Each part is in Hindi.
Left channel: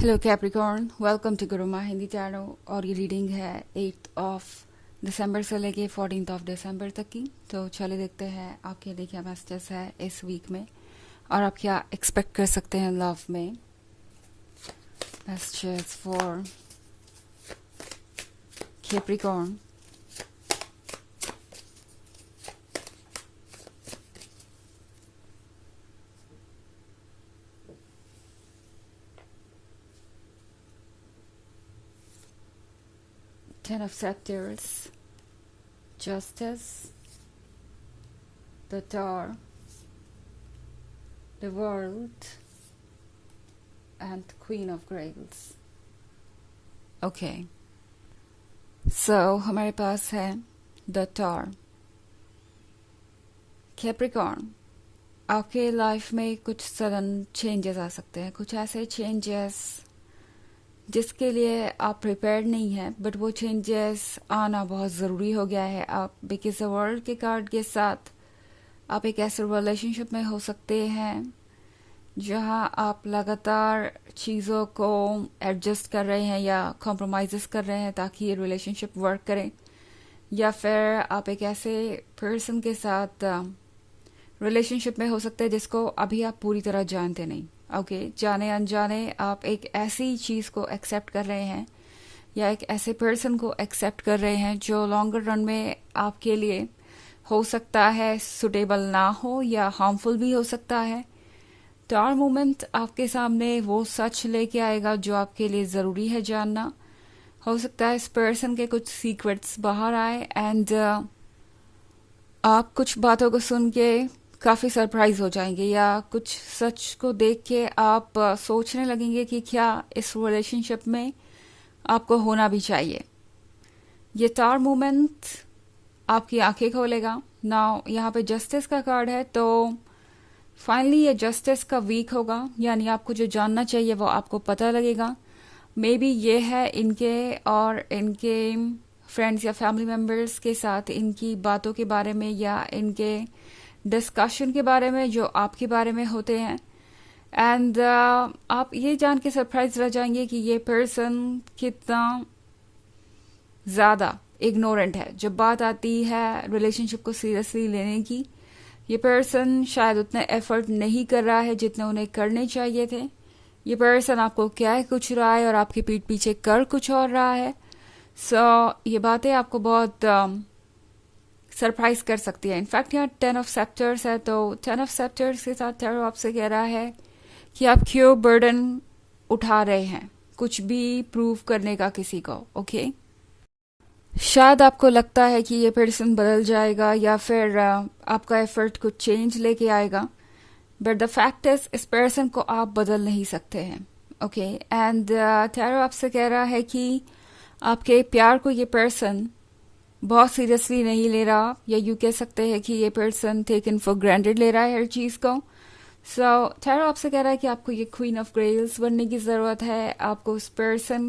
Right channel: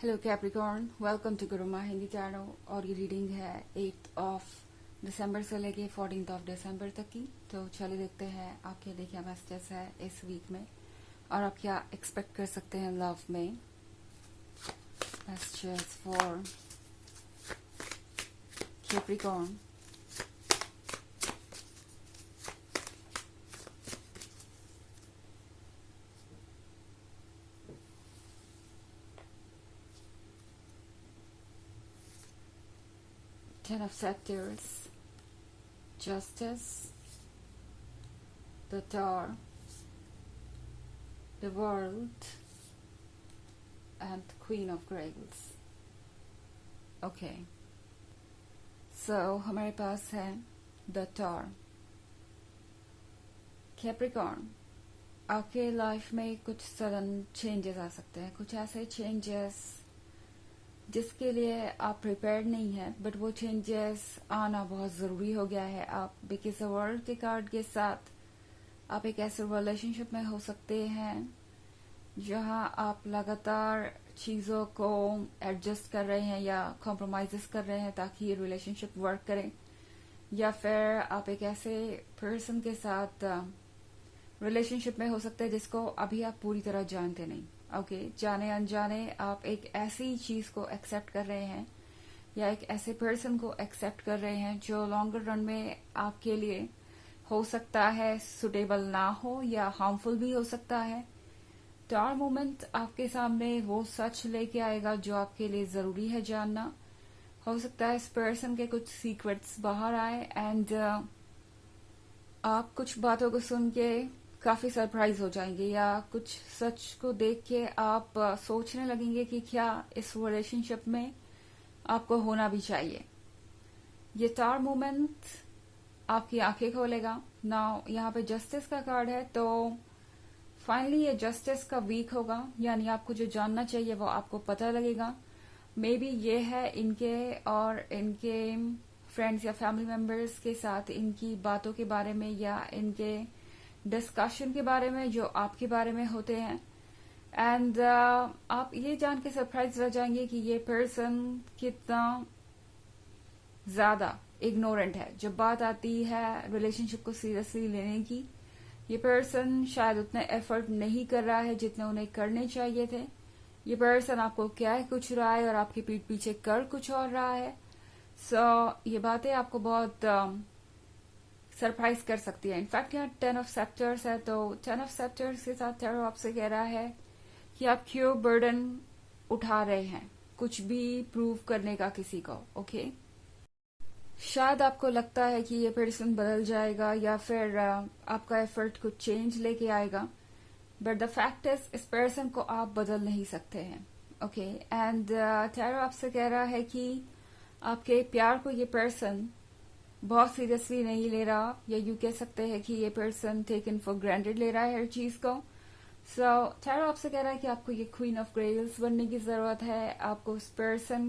Hello Capricorn, welcome to Gurumaa Hindi tarot. और ये रीडिंग है 8 दिसंबर से लेके 14 दिसंबर तक की। तो चलिए देखते हैं आपके लिए क्या मैसेजेस है इस वीक में और आप क्या एक्सपेक्ट कर सकते हैं लव में। Messages for Capricorn. Ten of Scepters, Justice, the Tower, the World, and Queen of Grails. Okay. So हमारे पास है द टॉर। कैप्रिकॉर्न, आपके लाइफ में कुछ सडन चेंजेस आ सकते हैं, कुछ ऐसे चेंजेस जिसके लिए आप प्रिपेयर्ड नहीं हैं, बट वो चेंजेस आना बहुत ज़रूरी हो गया है। आप बिकॉज वर्ल्ड के कार्ड के साथ आप एक ऐसे रिलेशनशिप में हो सकते हैं जहां आप लगातार चीज़ों को एडजस्ट कर रहे हैं या कॉम्प्रोमाइज़ कर रहे हैं ताकि ये रिलेशनशिप वर्क करे, या फिर आप एक ऐसे पर्सन के साथ रिलेशनशिप में हो सकते हैं जिसको अभी आप पूरी तरह जानते नहीं। ओके, जाने अनजाने आप एक ऐसी चीज़ को एक्सेप्ट कर रहे हैं या एक ऐसे पर्सन को एक्सेप्ट कर रहे हैं जो लॉन्गर रन में आपके लिए हो सकता है सुटेबल ना हो या हार्मफुल भी हो सकता है। टॉर मोमेंट आपके सामने वो सच लेके आएगा जो आपके लिए ज़रूरी है जानना। हो सकता है इस पर्सन के कुछ सीक्रेट्स बाहर आए एंड आप कुछ बातों को सुन के काफ़ी सरप्राइज हो जाएंगे, या कुछ सच को देख के आप सोचने लगेंगे कि क्या इस रिलेशनशिप में आपको होना भी चाहिए। ये टावर मोमेंट आपकी आंखें खोलेगा। नाउ यहाँ पे जस्टिस का कार्ड है, तो फाइनली ये जस्टिस का वीक होगा, यानी आपको जो जानना चाहिए वो आपको पता लगेगा। मे बी ये है इनके और इनके फ्रेंड्स या फैमिली मेम्बर्स के साथ इनकी बातों के बारे में या इनके डिस्कशन के बारे में जो आपके बारे में होते हैं। एंड आप ये जान के सरप्राइज रह जाएंगे कि ये पर्सन कितना ज़्यादा इग्नोरेंट है जब बात आती है रिलेशनशिप को सीरियसली लेने की। ये पर्सन शायद उतने एफर्ट नहीं कर रहा है जितने उन्हें करने चाहिए थे। ये पर्सन आपको क्या कुछ रहा है और आपकी पीठ पीछे कर कुछ और रहा है। ये बातें आपको बहुत सरप्राइज कर सकती है। इनफैक्ट यहाँ 10 ऑफ सेप्टर्स है, तो 10 ऑफ सेप्टर्स के साथ टैरो आपसे कह रहा है कि आप क्यों बर्डन उठा रहे हैं कुछ भी प्रूव करने का किसी को। ओके, शायद आपको लगता है कि ये पर्सन बदल जाएगा या फिर आपका एफर्ट कुछ चेंज लेके आएगा, बट द फैक्ट इज इस पर्सन को आप बदल नहीं सकते हैं। ओके, एंड टैरो आपसे कह रहा है कि आपके प्यार को ये पर्सन बहुत सीरियसली नहीं ले रहा, या यू कह सकते हैं कि ये पर्सन टेकन फॉर ग्रांटेड ले रहा है हर चीज़ को। टैरो आपसे कह रहा है कि आपको ये क्वीन ऑफ ग्रेल्स बनने की ज़रूरत है। आपको उस पर्सन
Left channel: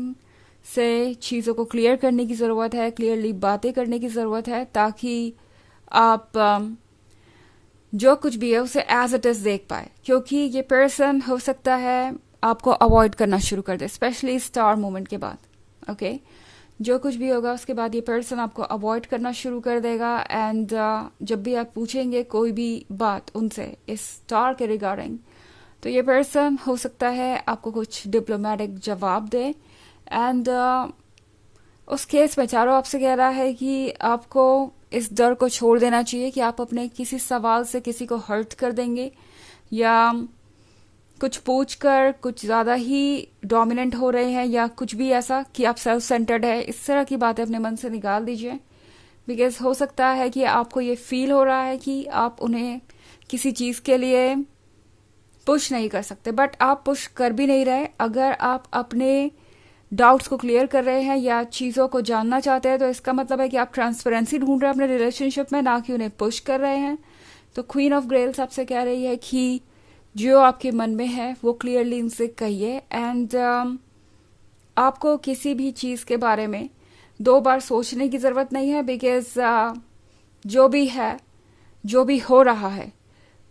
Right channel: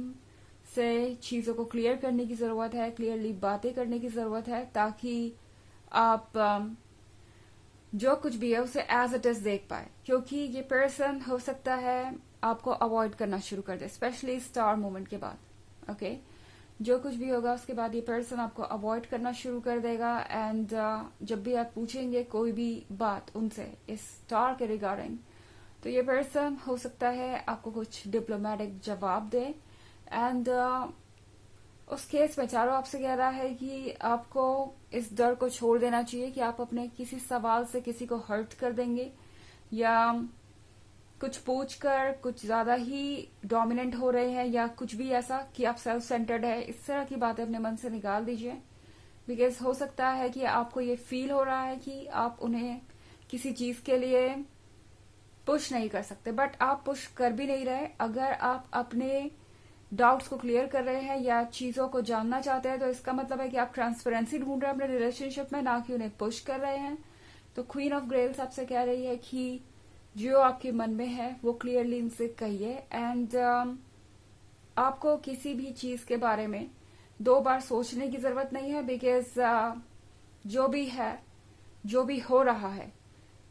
से चीज़ों को क्लियर करने की ज़रूरत है, क्लियरली बातें करने की ज़रूरत है, ताकि आप जो कुछ भी है उसे एज इट इज़ देख पाए। क्योंकि ये पर्सन हो सकता है आपको अवॉइड करना शुरू कर दे, स्पेशली स्टार मोमेंट के बाद। ओके, जो कुछ भी होगा उसके बाद ये पर्सन आपको अवॉइड करना शुरू कर देगा। एंड जब भी आप पूछेंगे कोई भी बात उनसे इस स्टार के रिगार्डिंग, तो ये पर्सन हो सकता है आपको कुछ डिप्लोमेटिक जवाब दे। एंड उस केस में चारों आपसे कह रहा है कि आपको इस डर को छोड़ देना चाहिए कि आप अपने किसी सवाल से किसी को हर्ट कर देंगे या कुछ पूछकर कुछ ज़्यादा ही डोमिनेंट हो रहे हैं, या कुछ भी ऐसा कि आप सेल्फ सेंटर्ड है। इस तरह की बातें अपने मन से निकाल दीजिए, बिकॉज हो सकता है कि आपको ये फील हो रहा है कि आप उन्हें किसी चीज़ के लिए पुश नहीं कर सकते, बट आप पुश कर भी नहीं रहे। अगर आप अपने डाउट्स को क्लियर कर रहे हैं या चीज़ों को जानना चाहते हैं, तो इसका मतलब है कि आप ट्रांसपेरेंसी ढूंढ रहे हैं अपने रिलेशनशिप में, ना कि उन्हें पुश कर रहे हैं। तो क्वीन ऑफ ग्रेल्स आपसे कह रही है कि जो आपके मन में है वो क्लियरली इनसे कहिए। एंड आपको किसी भी चीज़ के बारे में 2 बार सोचने की ज़रूरत नहीं है, बिकॉज जो भी है, जो भी हो रहा है,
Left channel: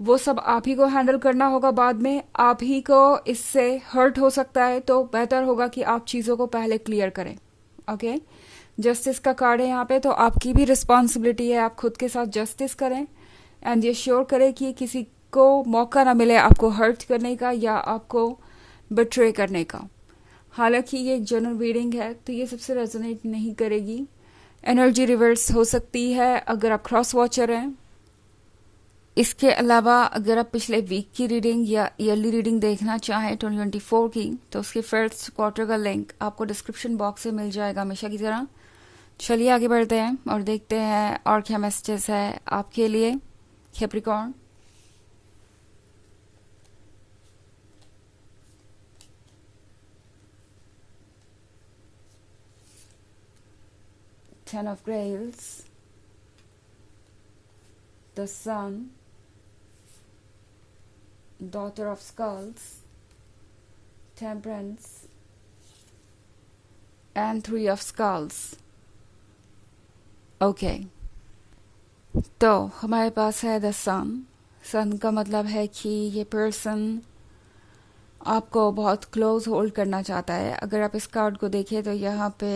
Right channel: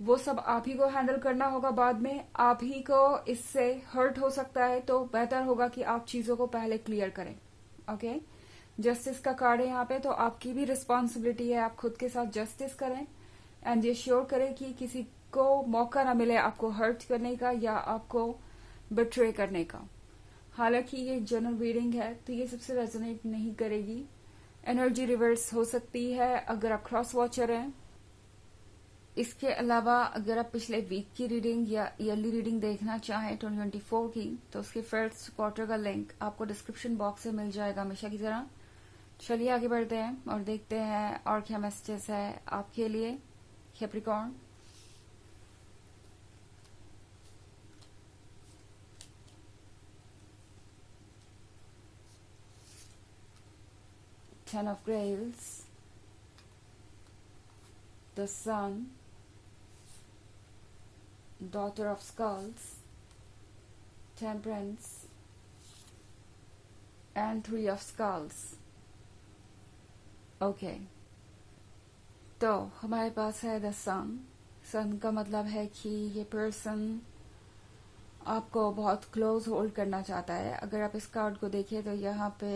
वो सब आप ही को हैंडल करना होगा। बाद में आप ही को इससे हर्ट हो सकता है, तो बेहतर होगा कि आप चीज़ों को पहले क्लियर करें। ओके, जस्टिस का कार्ड है यहाँ पे, तो आपकी भी रिस्पॉन्सिबिलिटी है, आप खुद के साथ जस्टिस करें एंड ये श्योर करें कि किसी को मौका ना मिले आपको हर्ट करने का या आपको बिट्रे करने का। हालांकि ये जनरल रीडिंग है तो ये सबसे रेजोनेट नहीं करेगी, एनर्जी रिवर्स हो सकती है अगर आप क्रॉस वॉचर हैं। इसके अलावा अगर आप पिछले वीक की रीडिंग या ईयरली रीडिंग देखना चाहें 2024 की, तो उसकी फर्स्ट क्वार्टर का लिंक आपको डिस्क्रिप्शन बॉक्स में मिल जाएगा हमेशा की तरह। चलिए आगे बढ़ते हैं और देखते हैं और क्या मैसेजेस है आपके लिए Capricorn. Ten of Grails, the Sun, Daughter of Skulls, Temperance, and Three of Skulls. Okay. तो हमारे पास है द सन। सन का मतलब है कि ये पर्सन आपको बहुत क्लोज होल्ड करना चाहता है। अगर आप इस कार्ड को देखें तो यहाँ पे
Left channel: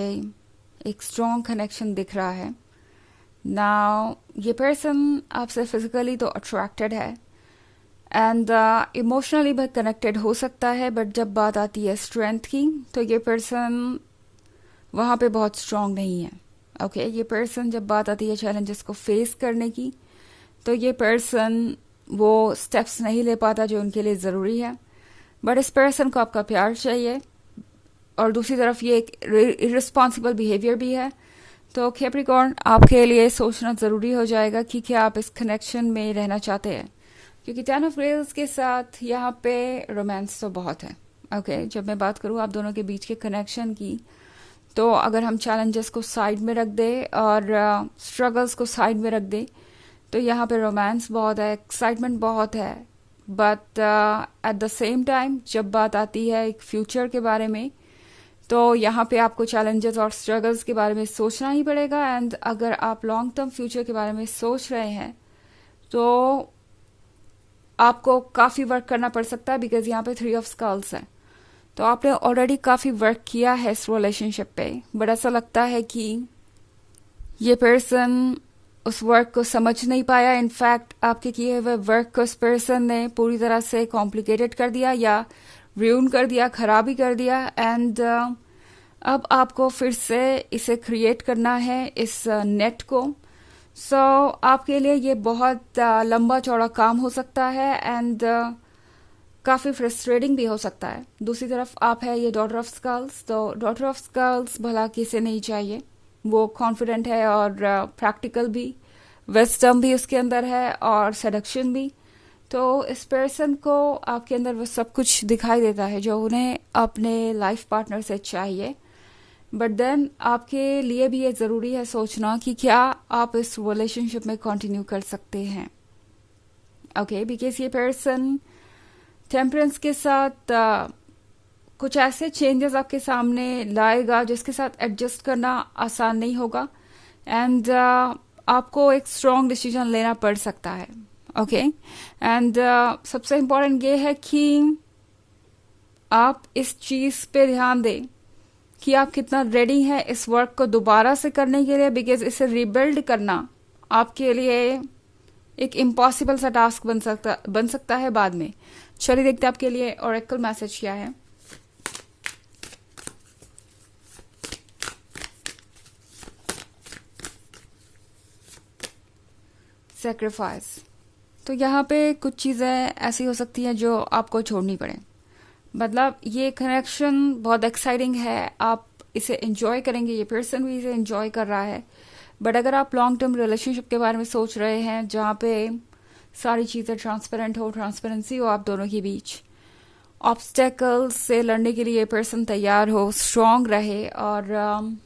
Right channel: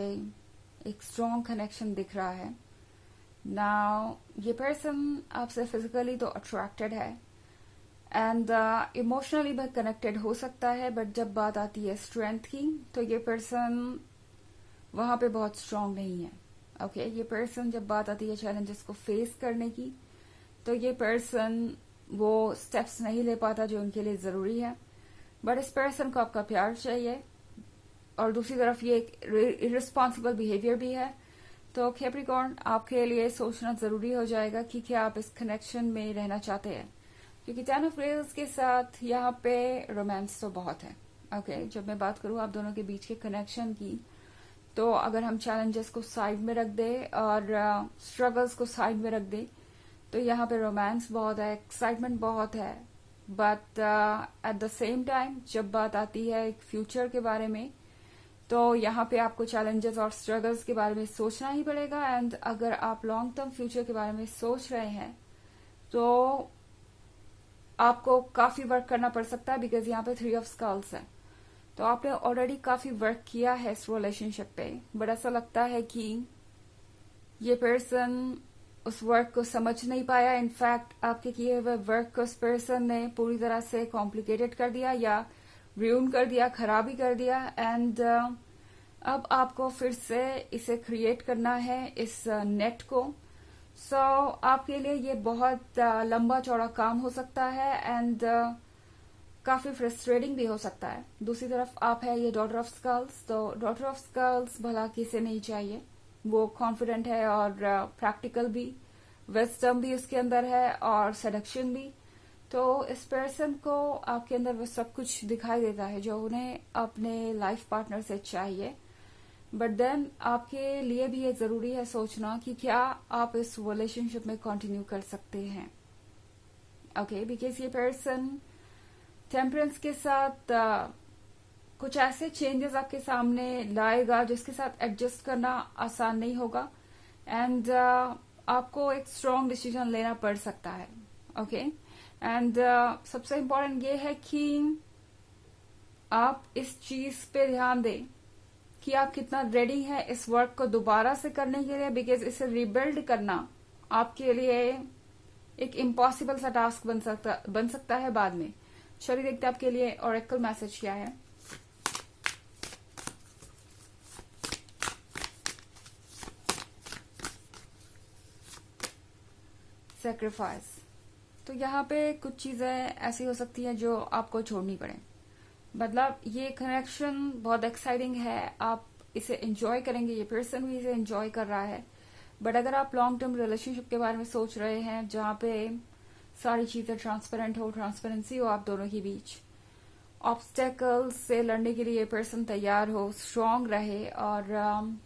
एक स्ट्रॉन्ग कनेक्शन दिख रहा है। नाउ ये पर्सन आपसे फिजिकली तो अट्रैक्टेड है एंड इमोशनली भी कनेक्टेड हो सकता है, बट जब बात आती है स्ट्रेंथ की तो ये पर्सन वहाँ पे बहुत स्ट्रॉन्ग नहीं है। ओके, ये पर्सन जब बात आती है चैलेंजेस को फेस करने की तो ये पर्सन वो स्टेप्स नहीं ले पाता जो उनके लिए ज़रूरी है, बट इस पर्सन को आपका प्यार चाहिए और दूसरी तरफ ये एक इररिस्पॉन्सिबल बिहेवियर भी है। तो कैप्रिकॉर्न आपके लिए सोचना ज़रूरी हो जाएगा कि क्या आप इस कनेक्शन में रहना चाहते हैं, क्योंकि टेन ऑफ ग्रेल्स के साथ यहाँ पे रोमांस तो बहुत है। ओके, जब मैं बात करूँ आप दोनों के बीच के कनेक्शन की, तो अगर हम चैलेंजेस को साइड में रख दें और स्ट्रगल्स को साइड में रख दें तो यहाँ पे रोमांस बहुत है, एक्साइटमेंट बहुत है, but at the same time जब बात आती है एक फ्यूचर के बारे में तो यहाँ पे आपको चैलेंजेस और स्ट्रगल्स के बारे में सोचना ही पड़ेगा। एंड अगर आप लॉन्ग टर्म फ्यूचर के बारे में सोच रहे हैं तो आपको काफ़ी वर्क करना पड़ सकता है, बिकॉज यहाँ पे थ्री ऑफ स्कल्स है। तो आपने ऑलरेडी काफ़ी वर्क किया है इस रिलेशनशिप पे, बट ऐसा लगता है कि ये पर्सन उस वर्क को समझ नहीं पाया। इनफैक्ट आपके किए हुए वर्क को उस पर्सन ने पूरी तरह से कॉम्प्लिकेटेड कर दिया या रूइन कर दिया, खराबी कर दिया। एंड अब आपको फिर से इसे क्रिएट करना है, इस नेट को। सो आपके लिए ये बहुत लंबा चौड़ा काम हो सकता है एंड काफ़ी फ्रस्ट्रेटिंग भी हो सकता है। दूसरी तरफ आप है ये डॉटर ऑफ स्कल्स, तो डॉटर ऑफ स्कल्स भला किसे नहीं चाहिए, वो कॉन्फिडेंट है और प्रैक्टिकल भी, विजडम भी उसके अंदर है और सेडक्शन भी। तो इस पर्सन को आपके अंदर वो सब कुछ दिखाई देता है जो उन्हें अपने लाइफ पार्टनर से चाहिए, बट देन आपके लिए भी ये ज़रूरी है सोचना कि क्या आप इस रिलेशनशिप में कंटिन्यू कर सकते हैं। ओके, बिकॉज ये पर्सन टेम्परेंस के साथ कुछ ऐसे चेंजेस आपके सामने लाएगा जिसके साथ एडजस्ट करना आसान नहीं होगा एंड आपको एक स्ट्रॉन्ग डिसीजन लेना पड़ सकता है। ओके, एंड सबसे इम्पोर्टेंट ये है कि आप इस चीज़ पे ध्यान दें कि आप कितना रेडी हैं इस वर्क को दोबारा से करने के लिए, बिकॉज इसे रिबिल्ड करना आपके लिए एक इम्पॉसिबल सा टास्क बन सकता है बाद में। चलिए देखते हैं आपके लिए ओरेकल मैसेज क्या है। सैक्रिफाइस, तो यहाँ पे कुछ चीज़ें ऐसी हो सकती हैं जो आपको छोड़नी पड़े। मतलब ये कनेक्शन बहुत एक्साइटिंग है, आप इसे एंजॉय करेंगे, ये पर्सन भी इसे एंजॉय कर रहा है, बट अगर आप लॉन्ग टर्म रिलेशनशिप के बारे में सोच रहे हैं जहाँ पे सारी चीज़ें ट्रांसपेरेंट हो, ट्रांसपेरेंसी हो आप दोनों के बीच, ऑब्स्टेकल्स से लड़ने के लिए पर्सन तैयार हो, स्ट्रॉन्ग रहे और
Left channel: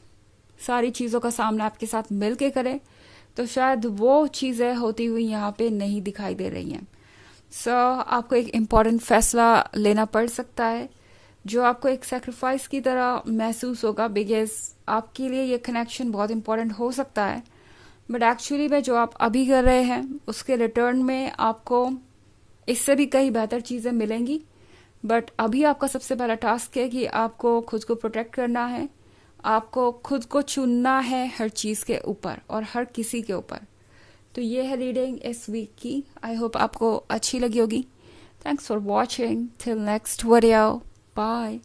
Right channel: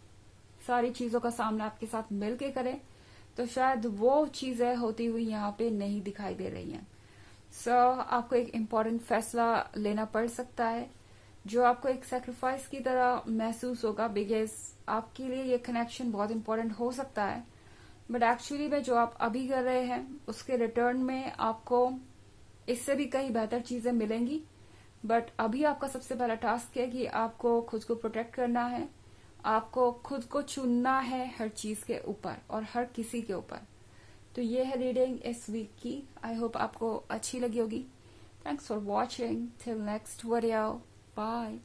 सारी चीज़ों का सामना आपके साथ मिल के करे, तो शायद वो चीज़ें होती हुई यहाँ पे नहीं दिखाई दे रही हैं। सो आपको एक इम्पॉर्टेंट फैसला लेना पड़ सकता है जो आपको एक सेक्रीफाइस की तरह महसूस होगा, बिकॉज आपके लिए ये कनेक्शन बहुत इम्पॉर्टेंट हो सकता है, बट एक्चुअली में जो आप अभी कर रहे हैं उसके रिटर्न में आपको इससे भी कई बेहतर चीज़ें मिलेंगी। बट अभी आपका सबसे पहला टास्क है कि आपको खुद को प्रोटेक्ट करना है, आपको खुद को चुनना है हर चीज़ के ऊपर और हर किसी के ऊपर। तो ये है रीडिंग इस वीक की। आई होप आपको अच्छी लगी होगी। Thanks for watching. Till next video, bye.